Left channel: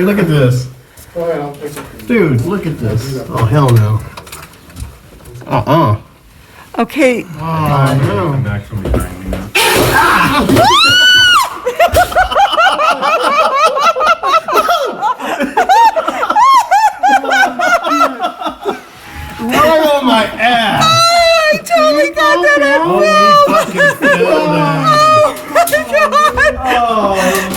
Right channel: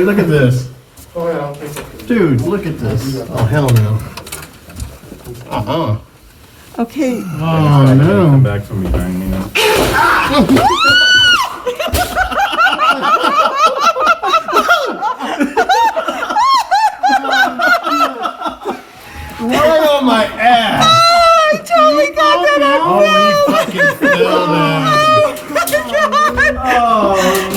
dude. Look at this. Go ahead, I'll take it. Dude, look at this. Oh, hell no. Okay. Oh, no. Come back from behind me now. Right on my ass. I totally got that out. Oh, he fucking fell down. Oh, man.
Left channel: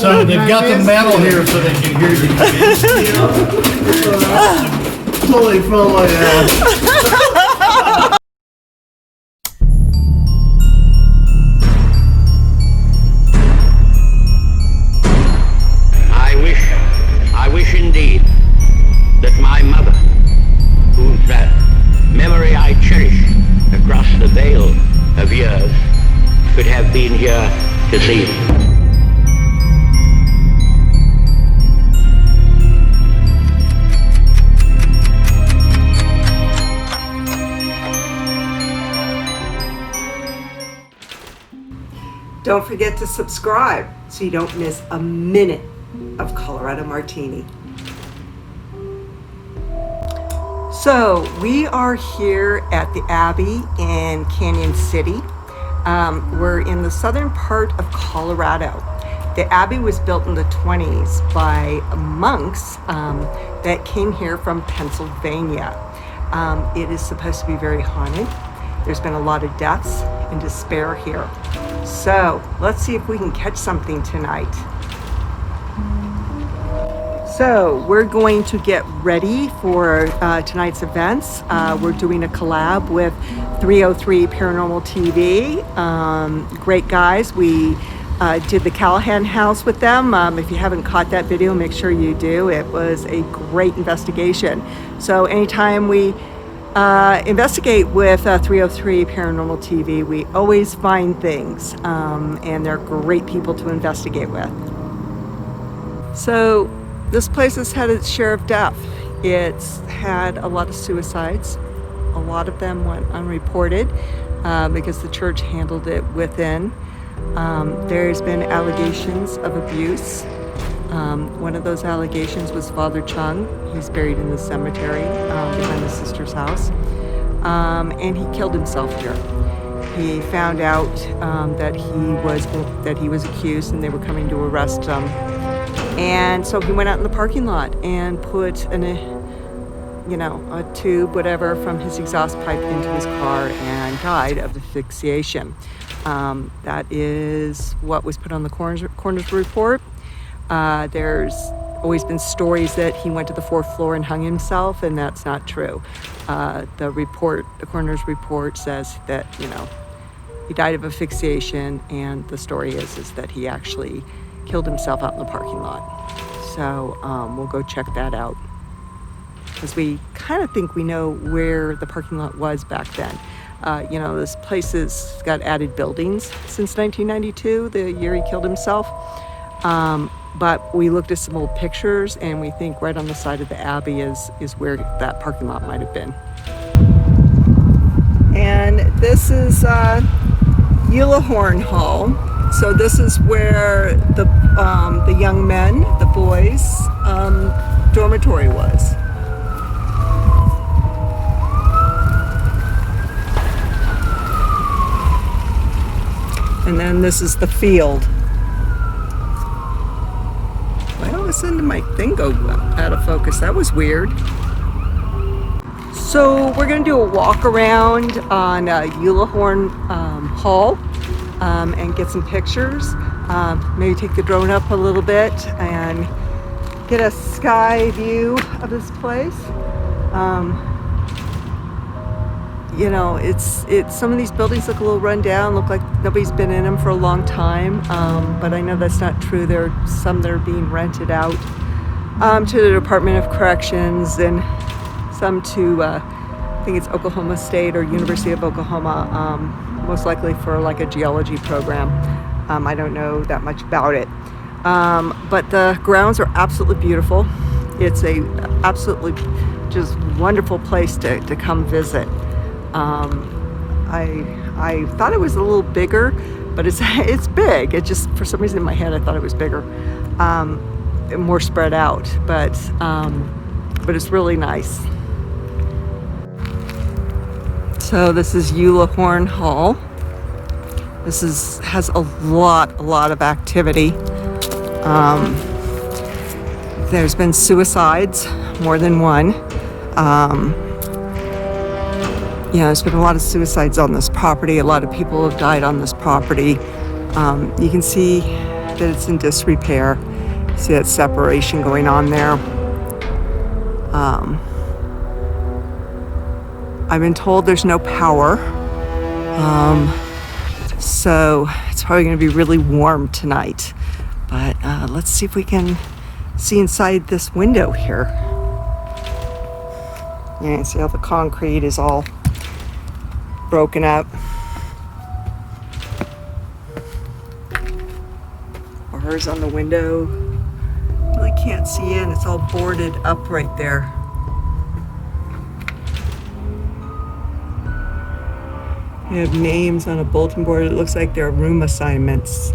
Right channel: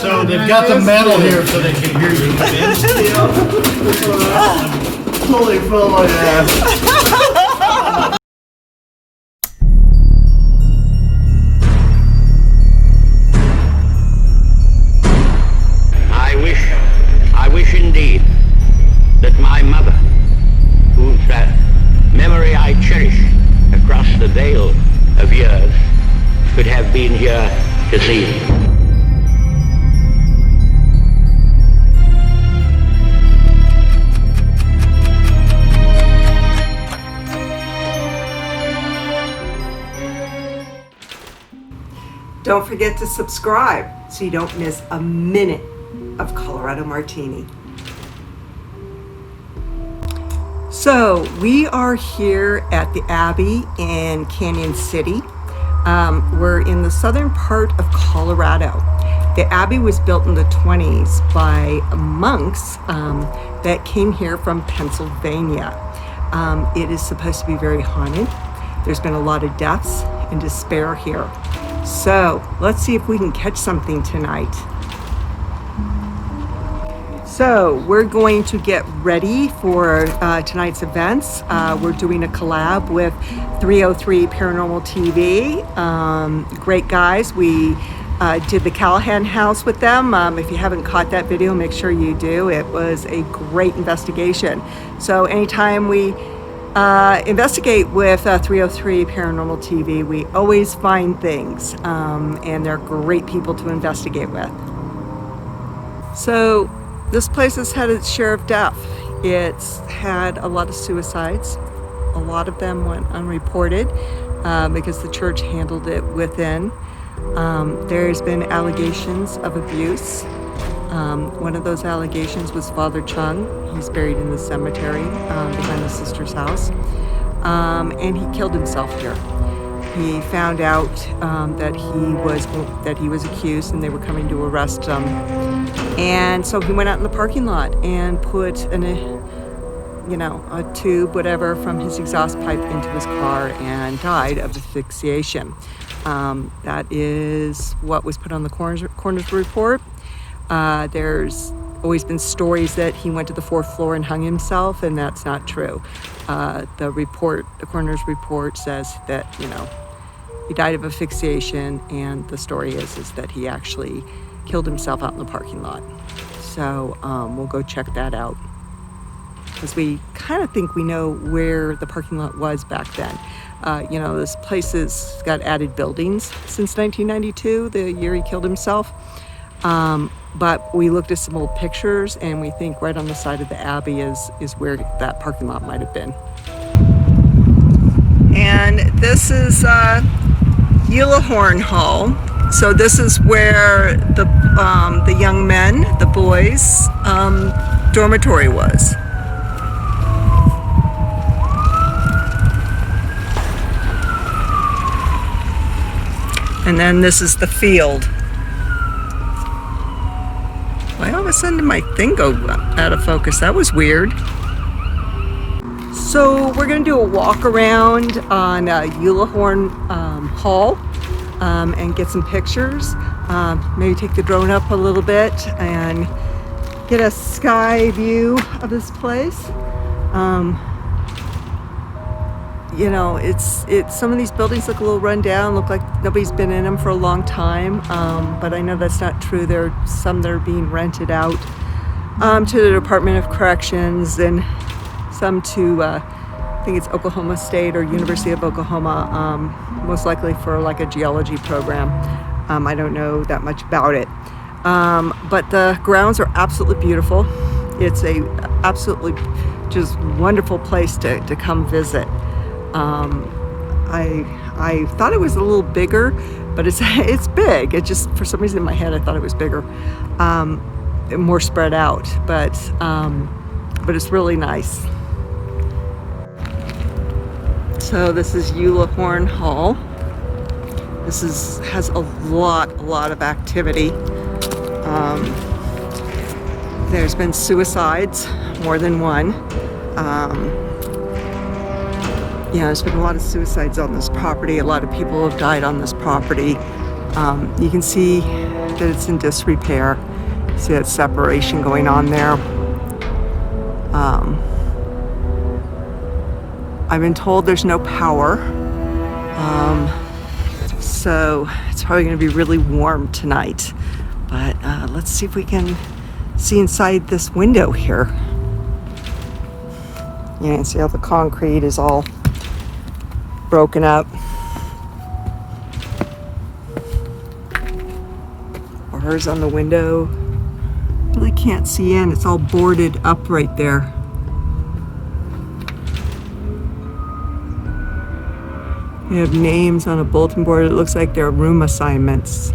So they've got the metal here so they can hear you. Totally fell on my ass. I wish indeed that my mother, whose memory I cherish across the veil of years, could have been here to see it. Don't forget to subscribe so you don't miss a minute of Colorado Martini. So we are here at the Abbey in Canyon City. We're in the southern part of Colorado. The Abbey was built in the 20s by monks that came here from Pennsylvania. It is supposed to be very haunted. There's been a lot of deaths and despair here. So let's see if we can catch something tonight. So we're going to get ready for tonight's events. We're doing a collab with 303 Paranormal TV. Great guys. We did the Callahan house with them. If you haven't caught that video, make sure you do. It was a great investigation. So anytime we investigate with 303 Paranormal TV, we always find things, and they're great people to investigate with. So this place has had its share of death. It's had a lot of suicides. A lot of them went unreported because the church handled it within. There's been allegations of abuse. One of those allegations was Father Chung. He's buried in the cemetery behind his sister's house. And he killed himself here. He found out that he was accused and they were coming to arrest him. And so he went out in the parking lot and put a tube, whatever, from his exhaust pipe into his car and died of asphyxiation. That is what was put on the coroner's report. There's always been stories that he went to the 4th floor and hung himself, and that's not true. The coroner's report says that, he died of asphyxiation, and the story is that he actually killed himself out in the parking lot. So we'll go check that out, because we kind of think we know where the parking lot was back then. This place has got added buildings since 1992, the year he killed himself. But we looked at some old pictures, and we think right on the side of the Abbey is where that parking lot might have been. And this is Eulahorn Hall. So this is where the young men, the boys, dormitory was. And then this is the field. Why all of a sudden did my thing go out of focus? That was weird. So we're gonna do a walk around on Eulahorn Hall and get some pictures. Maybe take the drone up a little bit and get a sky view of this place. It's some of these buildings look a little run down, look like nobody's been in them for a long time, but I know that's not true. There are some that are being rented out to the Department of Corrections, and some to I think it's Oklahoma State or University of Oklahoma, most likely for like a geology program. I don't know that much about it, but the grounds are absolutely beautiful. It's a absolutely just wonderful place to come visit. I thought it was a little bigger but it's big. It just, for some reason in my head, I thought it was bigger, more spread out, but it's really nice. So this is Eulahorn Hall. This has a lot of activity. There's been suicides, more than one. There's been a lot of suicides on this property. A lot of people have died on this property. You can see that it's in disrepair. You see that separation going on there. I've been told there's no power. So it's probably going to be really warm tonight. But let's see if we can see inside this window here. You can see how the concrete is all broken up. Bars on the window. Really can't see in. It's all boarded up right there. We have names on a bulletin board. It looks like they're room assignments.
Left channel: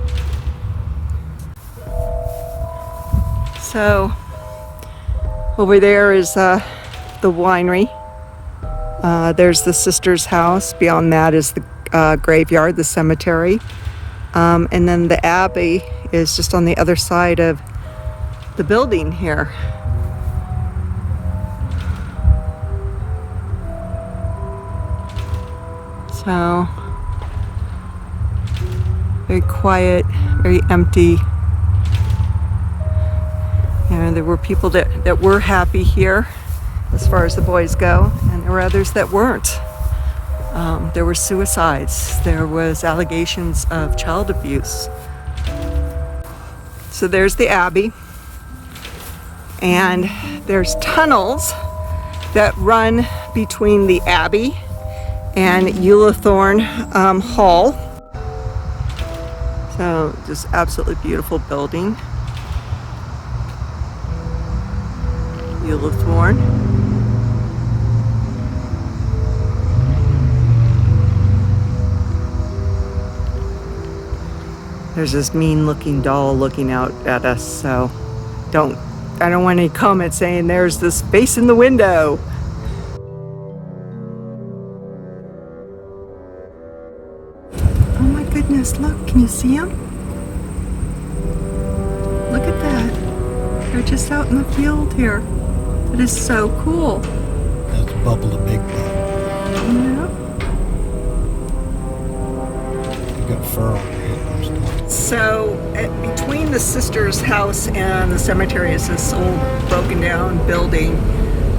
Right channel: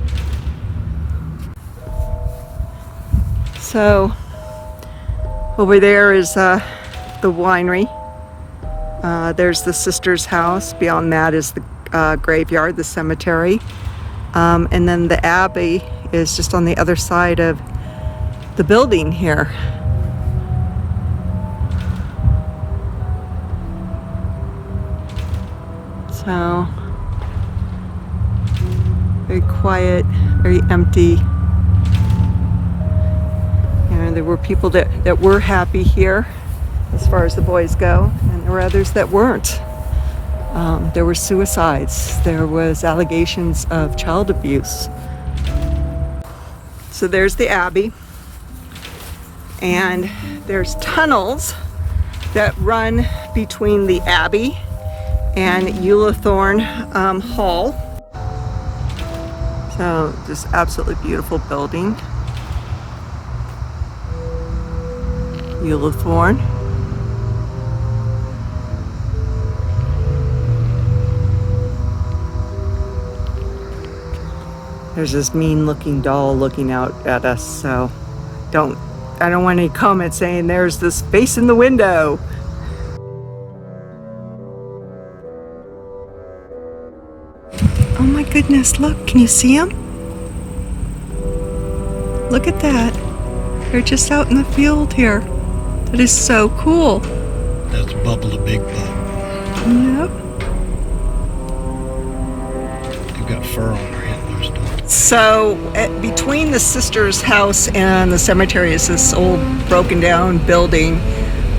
So over there is the winery. There's the sister's house. Beyond that is the graveyard, the cemetery. And then the Abbey is just on the other side of the building here. So, very quiet, very empty. There were people that were happy here as far as the boys go, and there were others that weren't. There were suicides. There was allegations of child abuse. So there's the Abbey, and there's tunnels that run between the Abbey and Eulahorn Hall. So just absolutely beautiful building. Eulahorn. There's this mean looking doll looking out at us, so I don't want any comments saying there's this face in the window. Oh my goodness, look, can you see them? Look at that. They're just out in the field here. That is so cool. That's Bubble the Big Bug. Yep. They've got fur on their antlers. So between the sister's house and the cemetery is this old broken down building.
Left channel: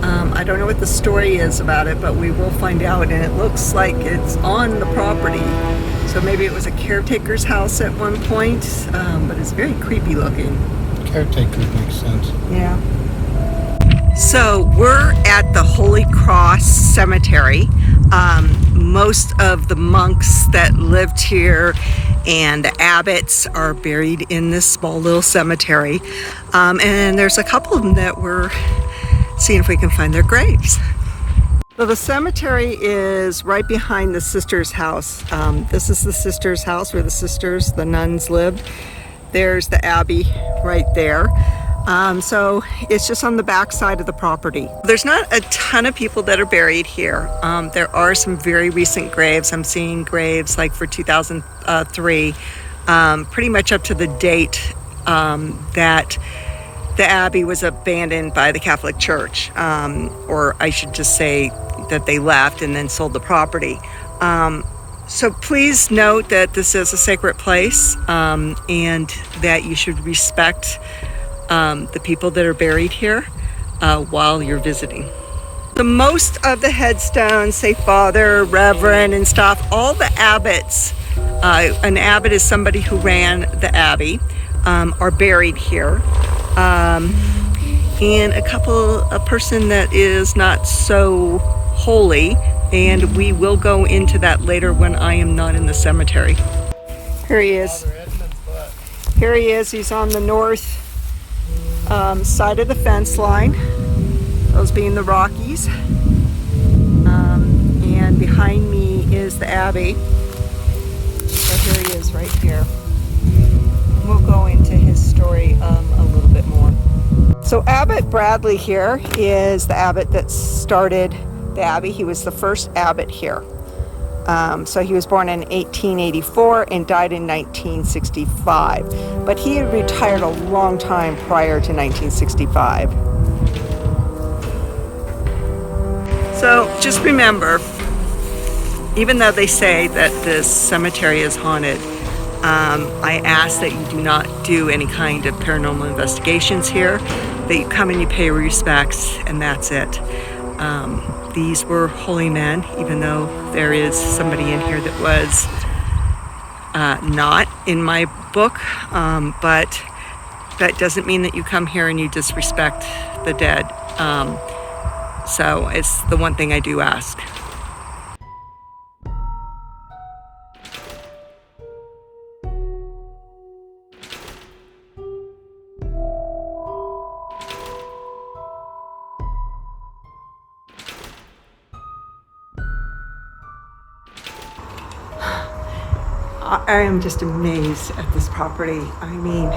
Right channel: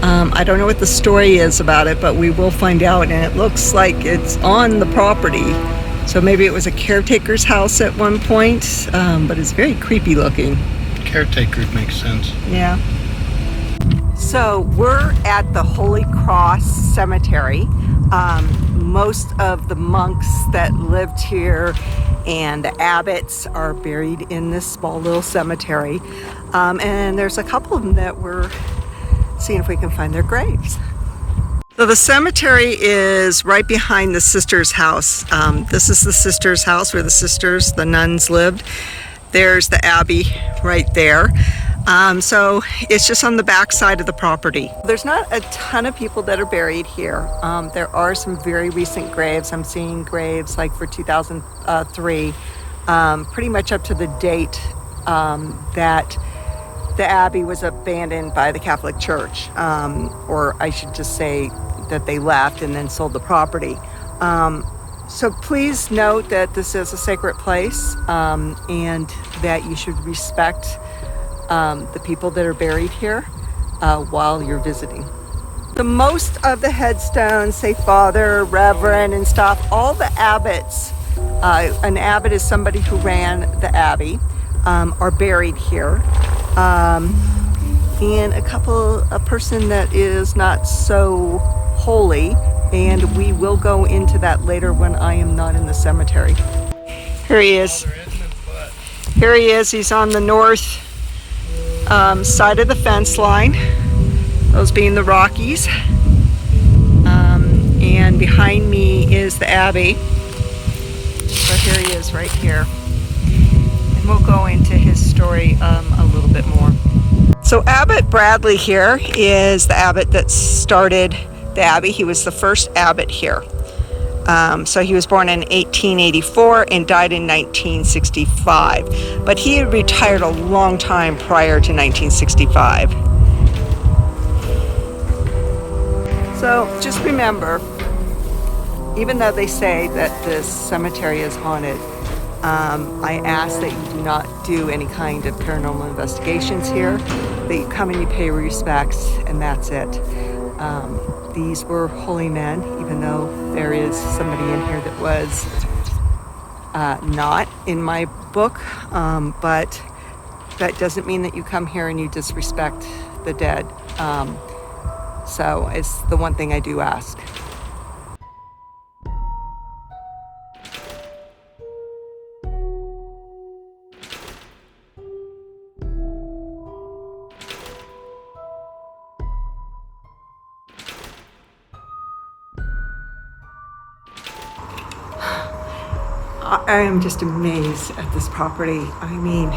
I don't know what the story is about it, but we will find out, and it looks like it's on the property. So maybe it was a caretaker's house at one point, but it's very creepy looking. Caretaker makes sense. Yeah. So we're at the Holy Cross Cemetery. Most of the monks that lived here and the abbots are buried in this small little cemetery. And there's a couple of them that we're seeing if we can find their graves. So the cemetery is right behind the sister's house. This is the sister's house where the nuns lived. There's the Abbey right there. So it's just on the back side of the property. There's not a ton of people that are buried here. There are some very recent graves. I'm seeing graves like for 2003, pretty much up to the date that the Abbey was abandoned by the Catholic Church, or I should just say that they left and then sold the property. So please note that this is a sacred place, and that you should respect the people that are buried here while you're visiting. The most of the headstones say Father, Reverend, and stuff. All the abbots, an abbot is somebody who ran the Abbey, are buried here. And a person that is not so holy, and we will go into that later when I am not in the cemetery. Here he is. Here he is. He's on the north side of the fence line, those being the Rockies. And behind me is the Abbey. So here he is right here. And we'll go into his story a little bit more. So Abbot Bradley here is the abbot that started the Abbey. He was the first abbot here. So he was born in 1884 and died in 1965. But he had retired a long time prior to 1965. So just remember, even though they say that this cemetery is haunted, I ask that you do not do any kind of paranormal investigations here, that you come and you pay your respects, and that's it. These were holy men, even though there is somebody in here that was not in my book, but that doesn't mean that you come here and you disrespect the dead. So it's the one thing I do ask. I am just amazed at this property. I mean,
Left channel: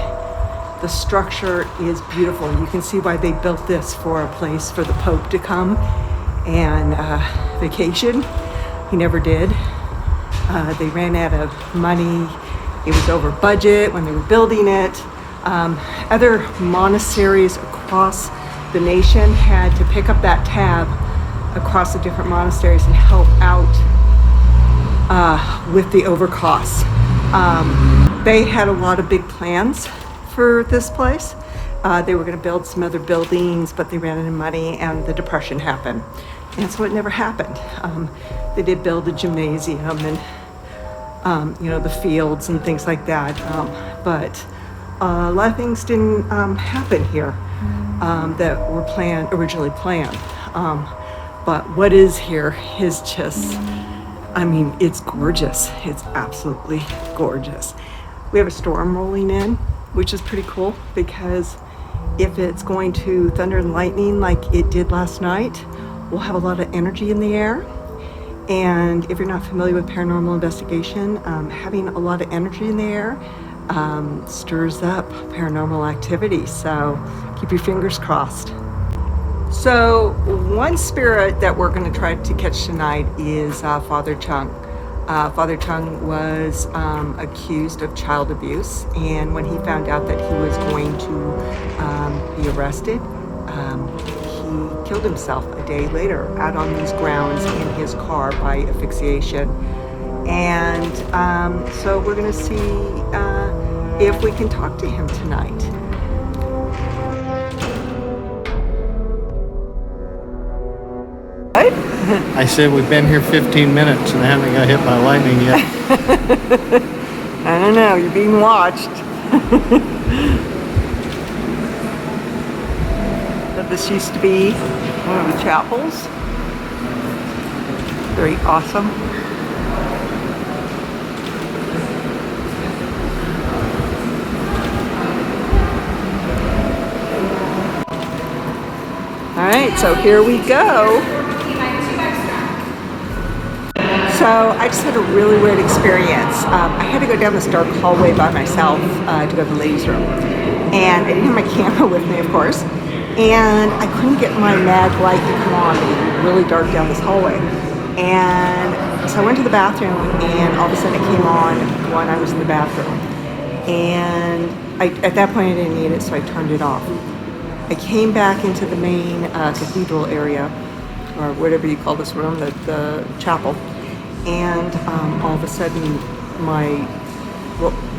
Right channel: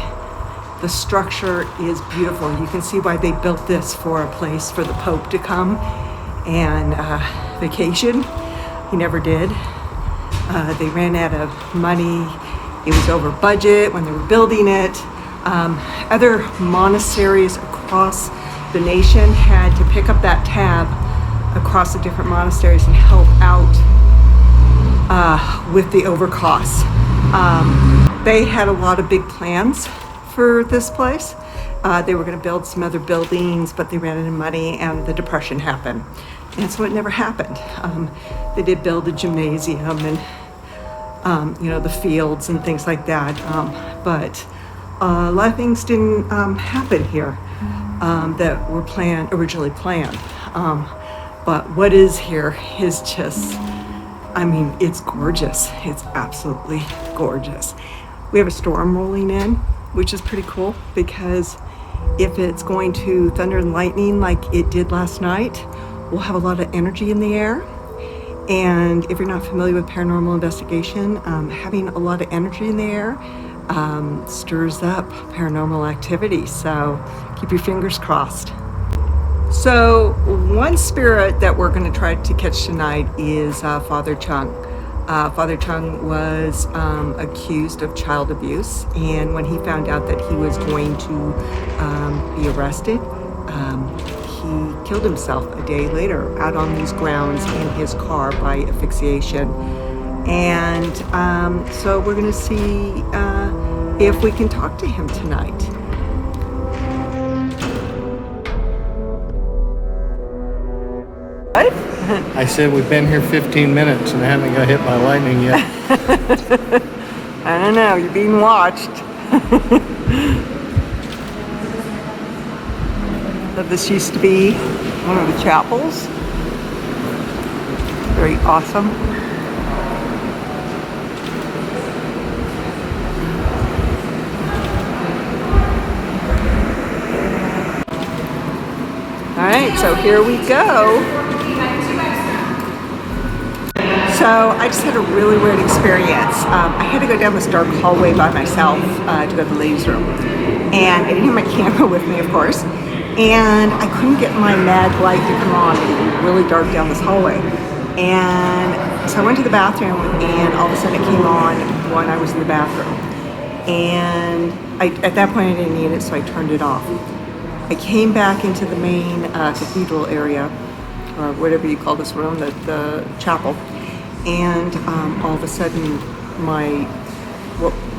the structure is beautiful. You can see why they built this for a place for the Pope to come and vacation. He never did. They ran out of money. It was over budget when they were building it. Other monasteries across the nation had to pick up that tab across the different monasteries and help out with the overcosts. They had a lot of big plans for this place. They were going to build some other buildings, but they ran out of money and the Depression happened. And so it never happened. They did build a gymnasium and, the fields and things like that. But a lot of things didn't happen here that were originally planned. But what is here is just, I mean, it's gorgeous. It's absolutely gorgeous. We have a storm rolling in, which is pretty cool because if it's going to thunder and lightning like it did last night, we'll have a lot of energy in the air. And if you're not familiar with paranormal investigation, having a lot of energy in the air stirs up paranormal activity. So keep your fingers crossed. So one spirit that we're going to try to catch tonight is Father Chung. Father Chung was accused of child abuse, and when he found out that he was going to be arrested, he killed himself a day later out on these grounds in his car by asphyxiation. And so we're going to see if we can talk to him tonight. I said we've been here 15 minutes and I haven't got hit by lightning yet. I don't know, you're being watched. So this used to be one of the chapels. Very awesome. All right, so here we go. So I just had a really weird experience. I had to go down this dark hallway by myself to go to the ladies' room. And I didn't have my camera with me, of course. And I couldn't get my mag light to come on. It was really dark down this hallway. And so I went to the bathroom and all of a sudden it came on when I was in the bathroom. And at that point I didn't need it, so I turned it off. I came back into the main cathedral area, or whatever you call this room, the chapel. And all of a sudden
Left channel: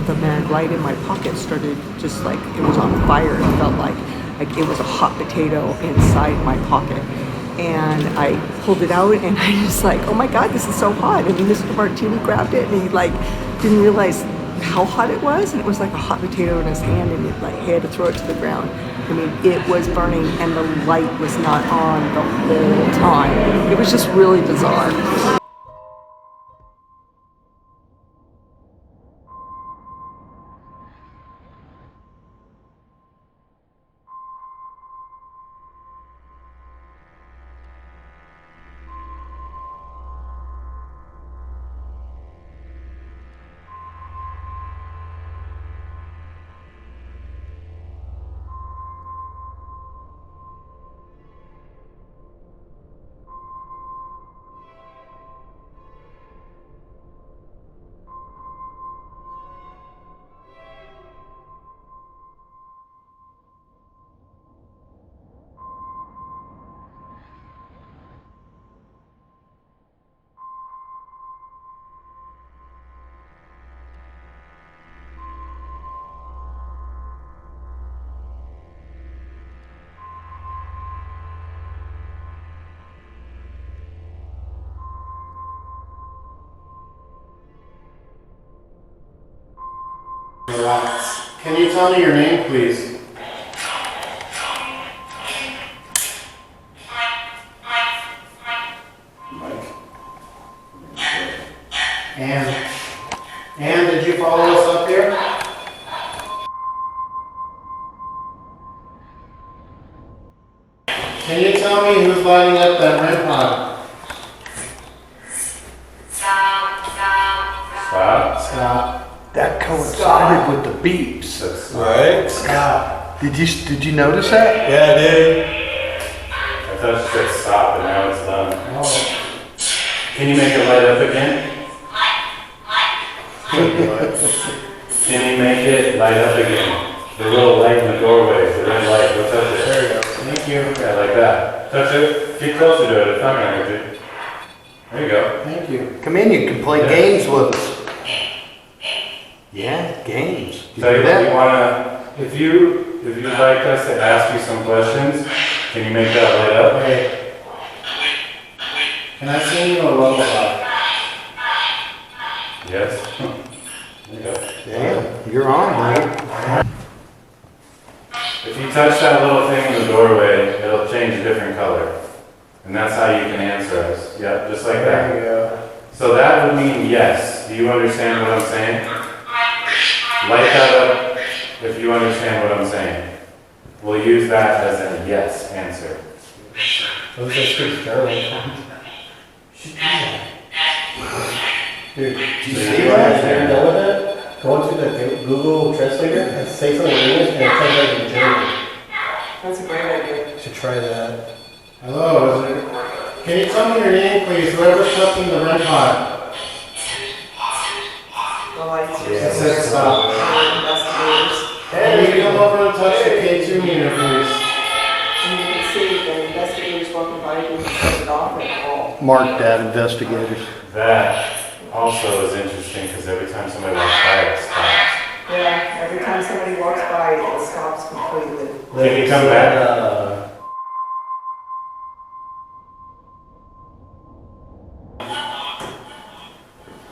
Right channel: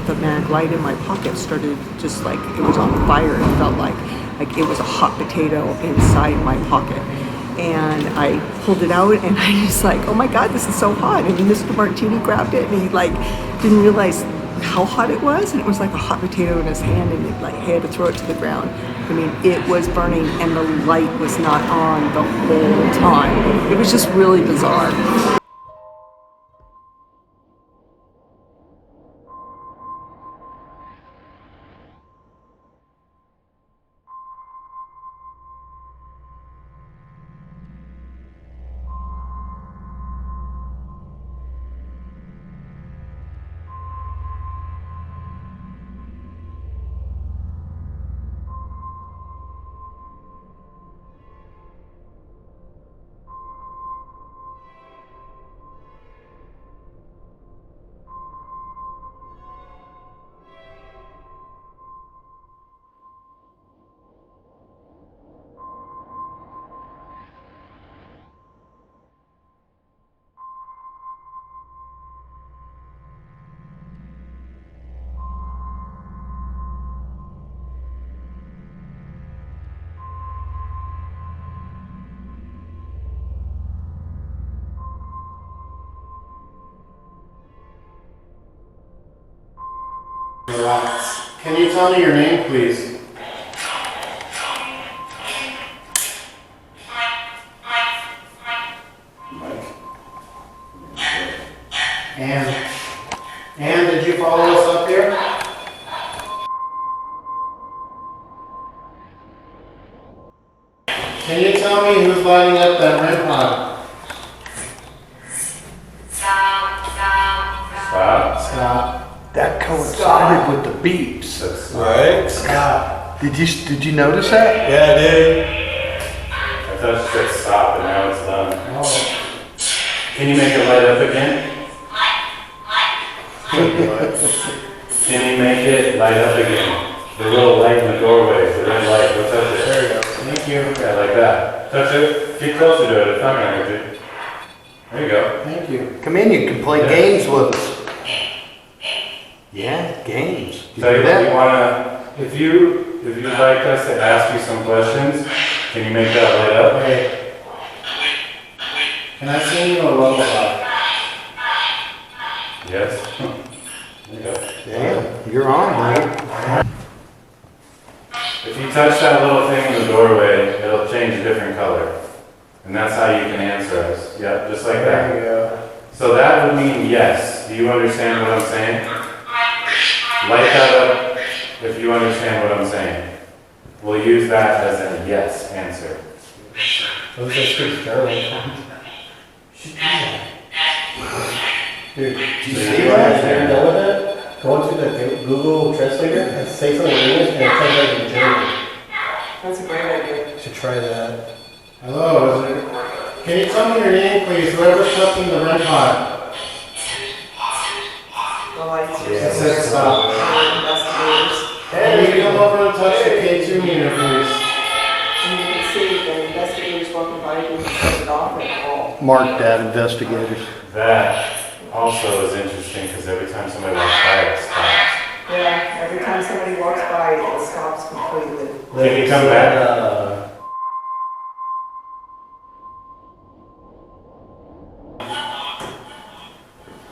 the mag light in my pocket started just like it was on fire. It felt like it was a hot potato inside my pocket. And I pulled it out and I was like, oh my God, this is so hot. And Mr. Martini grabbed it and he didn't realize how hot it was. And it was like a hot potato in his hand and he had to throw it to the ground. I mean, it was burning and the light was not on the whole time. It was just really bizarre. Relax. Can you tell me your name, please? Mike. And did you follow us up here? Can you tell me who's lighting up that red pod? Stop. That coincided with the beeps. Right? Stop. Did you notice that? Yeah, I did. I thought it said stop, and now it's done. Can you make it light up again? Can you make it light up again? The little light in the doorway, the red light. Go touch it. There you go. Thank you. Yeah, like that. Touch it. Get closer to it. It's not gonna hurt you. There you go. Thank you. Come in, you can play games with us. Yeah, games. Tell you what, you wanna, if you'd like us to ask you some questions, can you make that light up? Okay. Can I sing you a lullaby? Yes. There you go. Damn, you're on, man. If you touch that little thing in the doorway, it'll change a different color. And that's how you can answer us. Yep, just like that. There you go. So that would mean yes. Do you understand what I'm saying? Light that up if you understand what I'm saying. We'll use that as a yes answer. Those are speak German. Dude, do you see that? Are you done with it? Go into the Google Translator and say something in English and translate it in German. That's a great idea. You should try that. Hello, is it? Can you tell me your name, please? Whoever's touching the red pod. The lights are It says stop. investigators. Hey, you come over and touch the K2 meter, please. And you can see the investigators walking by doing it off at all. Mark that, investigators. That also is interesting because every time somebody walks by, it stops. Yeah, every time somebody walks by, it stops completely. Can you come back?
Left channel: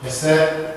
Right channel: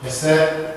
Is that?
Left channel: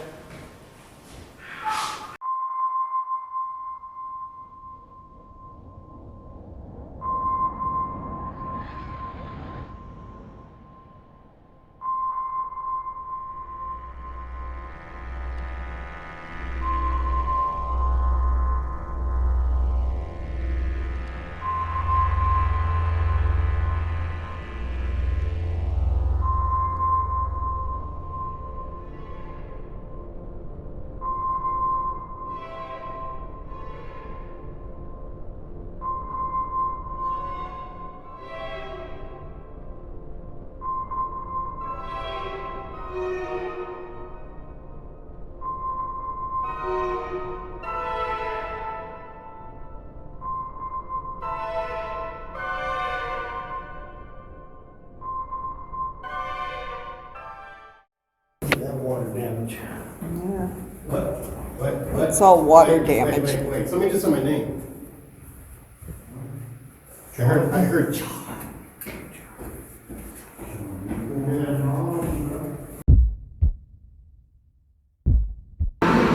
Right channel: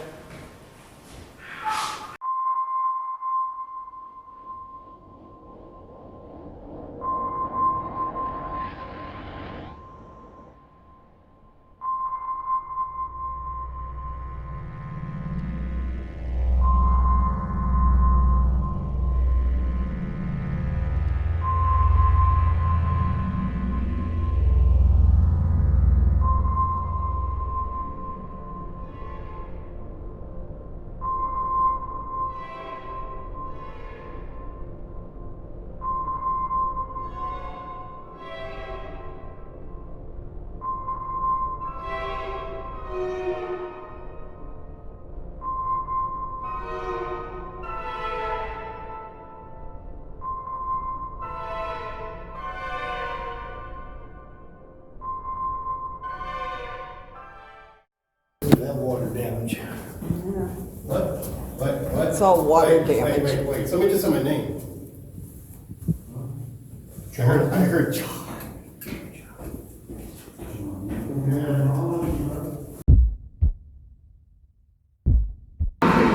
That water damage. What? It's all water Wait, damage. Wait. Somebody just said my name. I heard.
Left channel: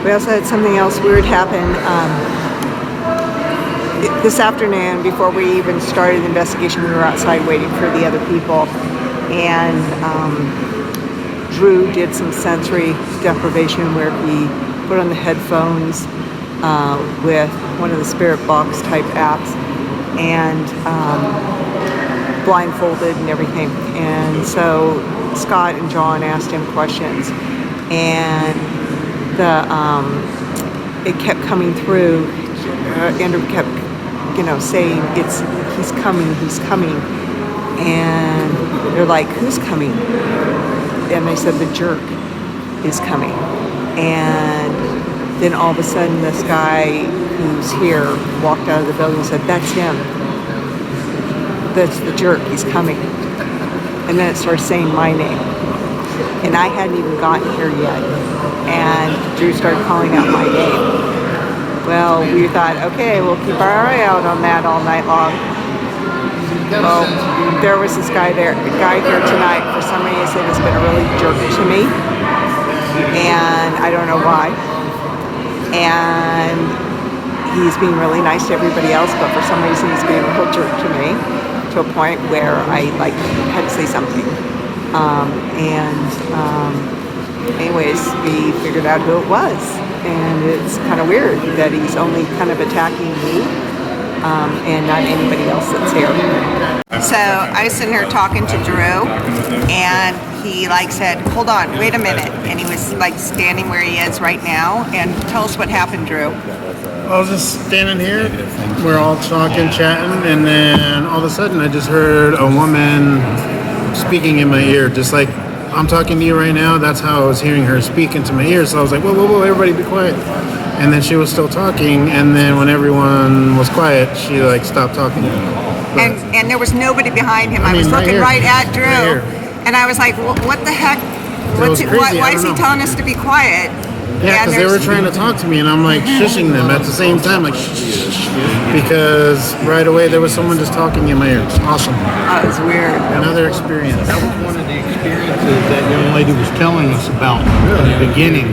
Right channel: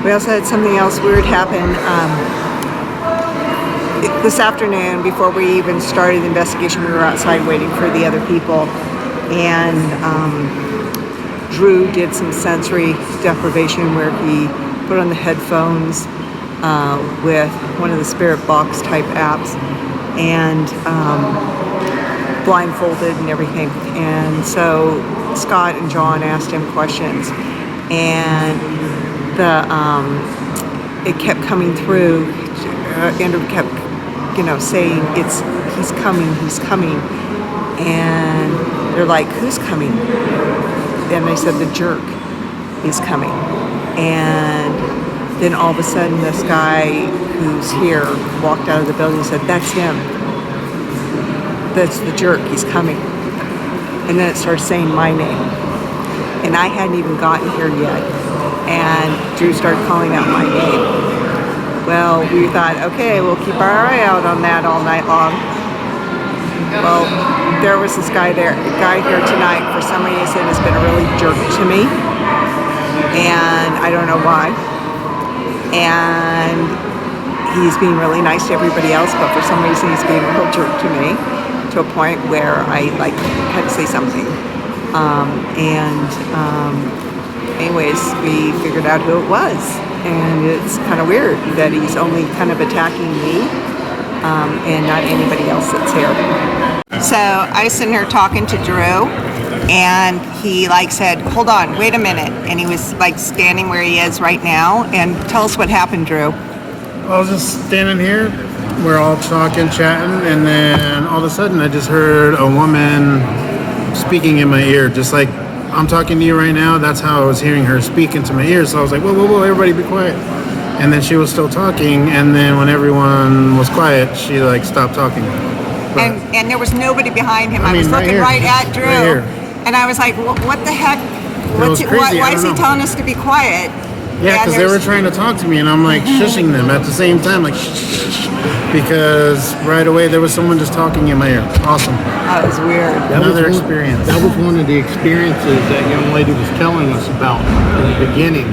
We also had something else weird happen this afternoon. Before we even started the investigation, we were outside waiting for the other people, and Drew did some sensory deprivation where he put on the headphones with one of the spirit box type apps and blindfolded and everything. And so Scott and John asked him questions, and it kept coming through. Andrew kept, saying he's coming, and they're like, who's coming? And they said the jerk is coming. And then all of a sudden this guy who's here walked out of the building and said, that's him. That's the jerk, he's coming. And then it started saying my name. And I hadn't even gotten here yet. And Drew started calling out my name. Well, we thought, okay, we'll keep our eye out on that all night long. Well, there was this guy here tonight. For some reason, has been a really jerk to me, and I don't know why. and he's being really nice to everybody else, but for some reason he's being a real jerk to me, to a point where I like had to say something. Anyways, we figured out who it was, and it's kind of weird that he's only kind of attacking me and not anybody else that's here. So I was sitting here talking to Drew, and he like said, "Hold on, wait a minute," and he was like standing where he is right now. And tell us what happened, Drew. I was just standing here, we're all talking, chatting, and then all of a sudden I just heard a woman speaking in my ear, just like I'm talking to you right now. That's how I was hearing her speak into my ear. So I was like, whoa, whoa, whoa, everybody be quiet. And then she was still talking, and then when everyone was quiet, she like stopped talking. But, And there was nobody behind him. I mean, was right looking here. right at Drew, Right here. and I was like, what the heck? was crazy, Why I is don't he know. telling us to be quiet? Yeah, And because they were there's- trying to talk to me, and I'm like shushing them at the same time, like shh, shh, shh, because right away there was someone just talking in my ear. Awesome. That was weird. Another experience. That was one of the experiences that young lady was telling us about in the beginning,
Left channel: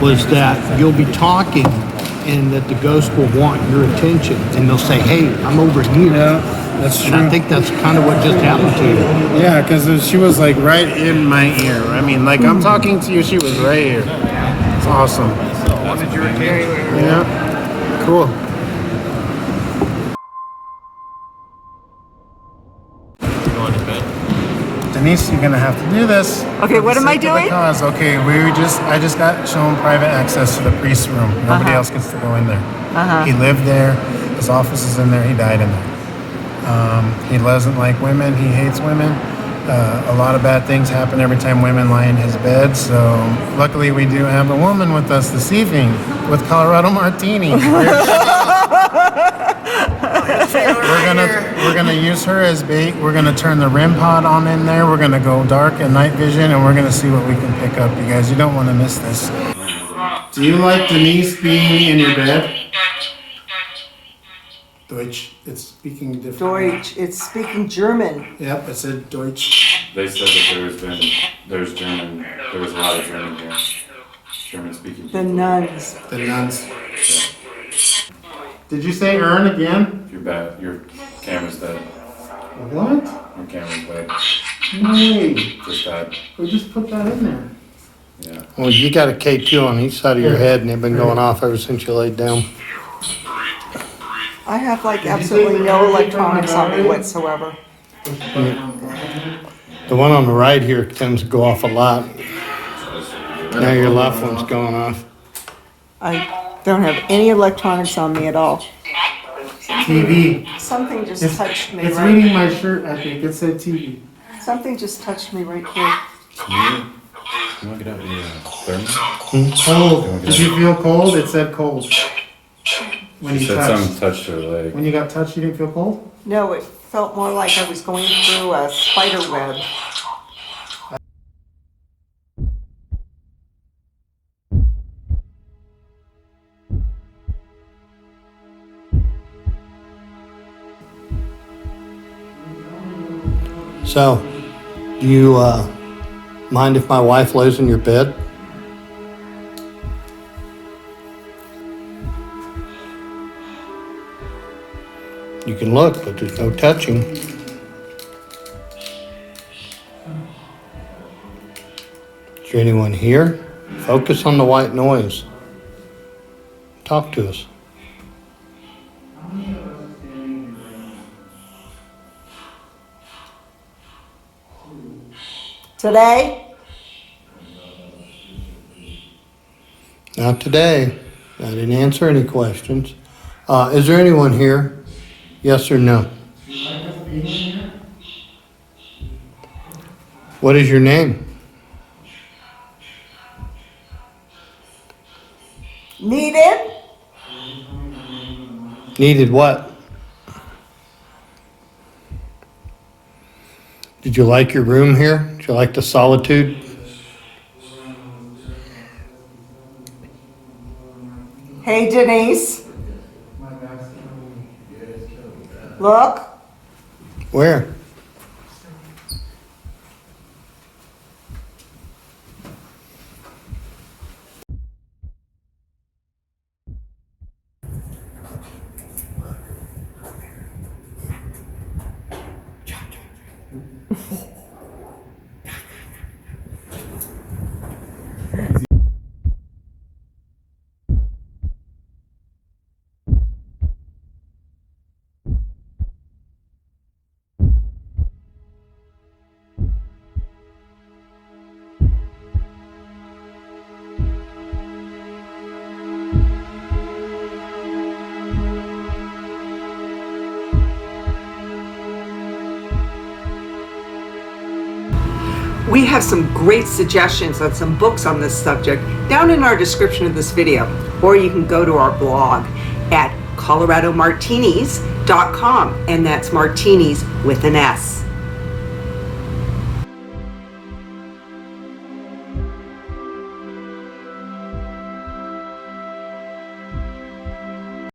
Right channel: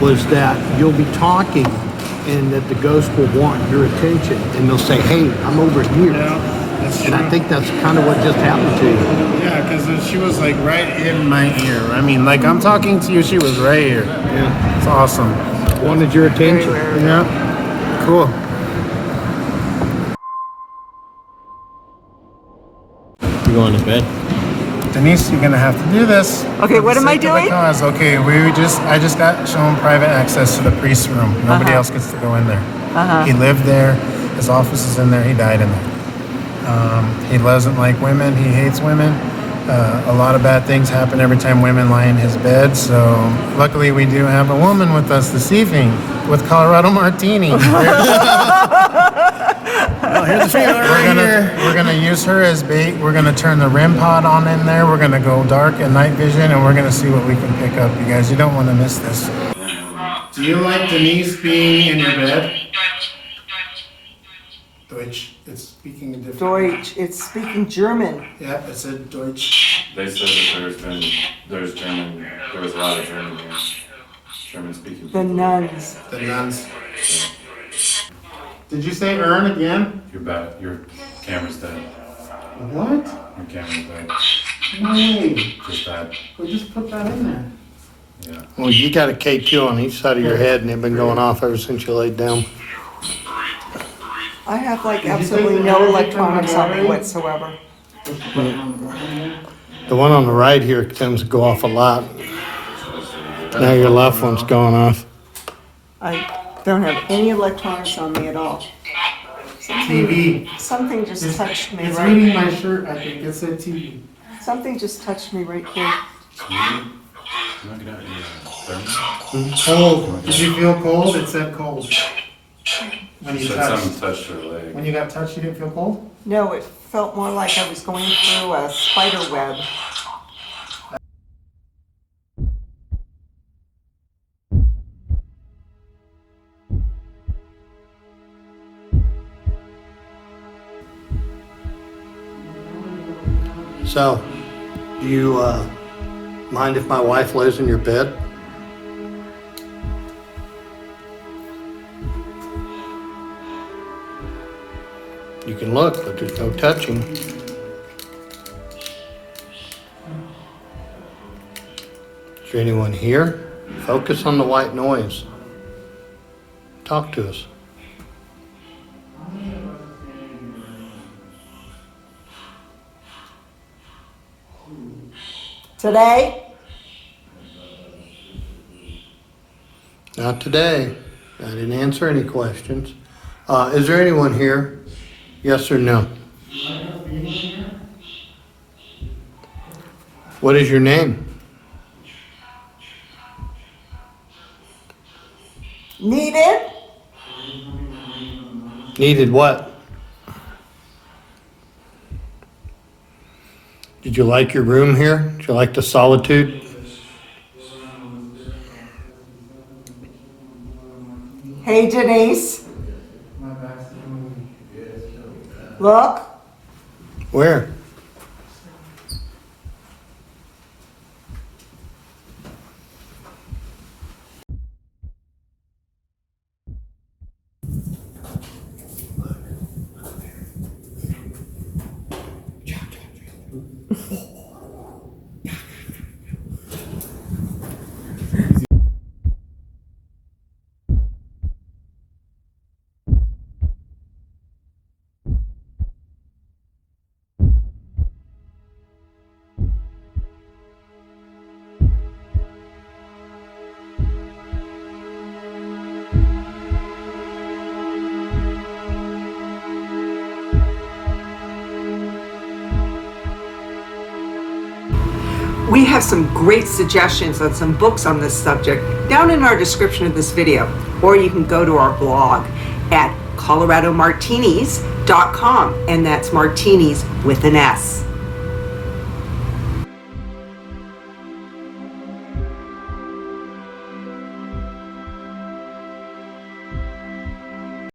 was that you'll be talking and that the ghost will want your attention, and they'll say, "Hey, I'm over here." Yeah, that's true. And I think that's kind of what just happened to you. Yeah, because she was like right in my ear. I mean, like I'm talking to you, she was right here. Yeah, it's awesome. Wanted your Very attention. weird. Yeah, cool. You going to bed? Denise, you're gonna have to do this. Okay, what am I doing? Because okay, I just got shown private access to the priest's room. Nobody else gets to go in there. He lived there. His office is in there. He died in there. He doesn't like women. He hates women. A lot of bad things happen every time women lie in his bed. So luckily, we do have a woman with us this evening with Colorado Martini. We're gonna use her as bait. We're gonna turn the REM pod on in there. We're gonna go dark and night vision, and we're gonna see what we can pick up. You guys, you don't want to miss this. Do you like Denise being in your bed? Deutsch. It's speaking different. Deutsch. It's speaking German. Yep, it said Deutsch. They said that there was German, there was a lot of German here. German speaking. The nuns. The nuns. Did you say Ern again? Your camera's dead. What? Your camera's dead. No way. Just died. We just put that in there. Yeah. Well, you got a K2 on each side of your head, and it's been going off ever since you laid down. I have like you say absolutely the no battery electronics on me battery? whatsoever. The one on the right here tends to go off a lot. Now your left one's going off. I don't have any electronics on me at all. TV. Something just touched me It's right. reading my shirt, I think. It said TV. Something just touched me right here. You want to get out of your thermos? Cold. Did you feel cold? It said cold. When You you said touched. something touched her leg. When you got touched, you didn't feel cold? No, it felt more like I was going through a spider web. So, do you mind if my wife lays in your bed? You can look, but there's no touching. Is there anyone here? Focus on the white noise. Talk to us. Today? Not today. I didn't answer any questions. Is there anyone here? Yes or no? What is your name? Needed? Needed what? Did you like your room here? Did you like the solitude? Hey, Denise. Look. Where? We have some great suggestions on some books on this subject down in our description of this video, or you can go to our blog at coloradomartinis.com, and that's martinis with an S.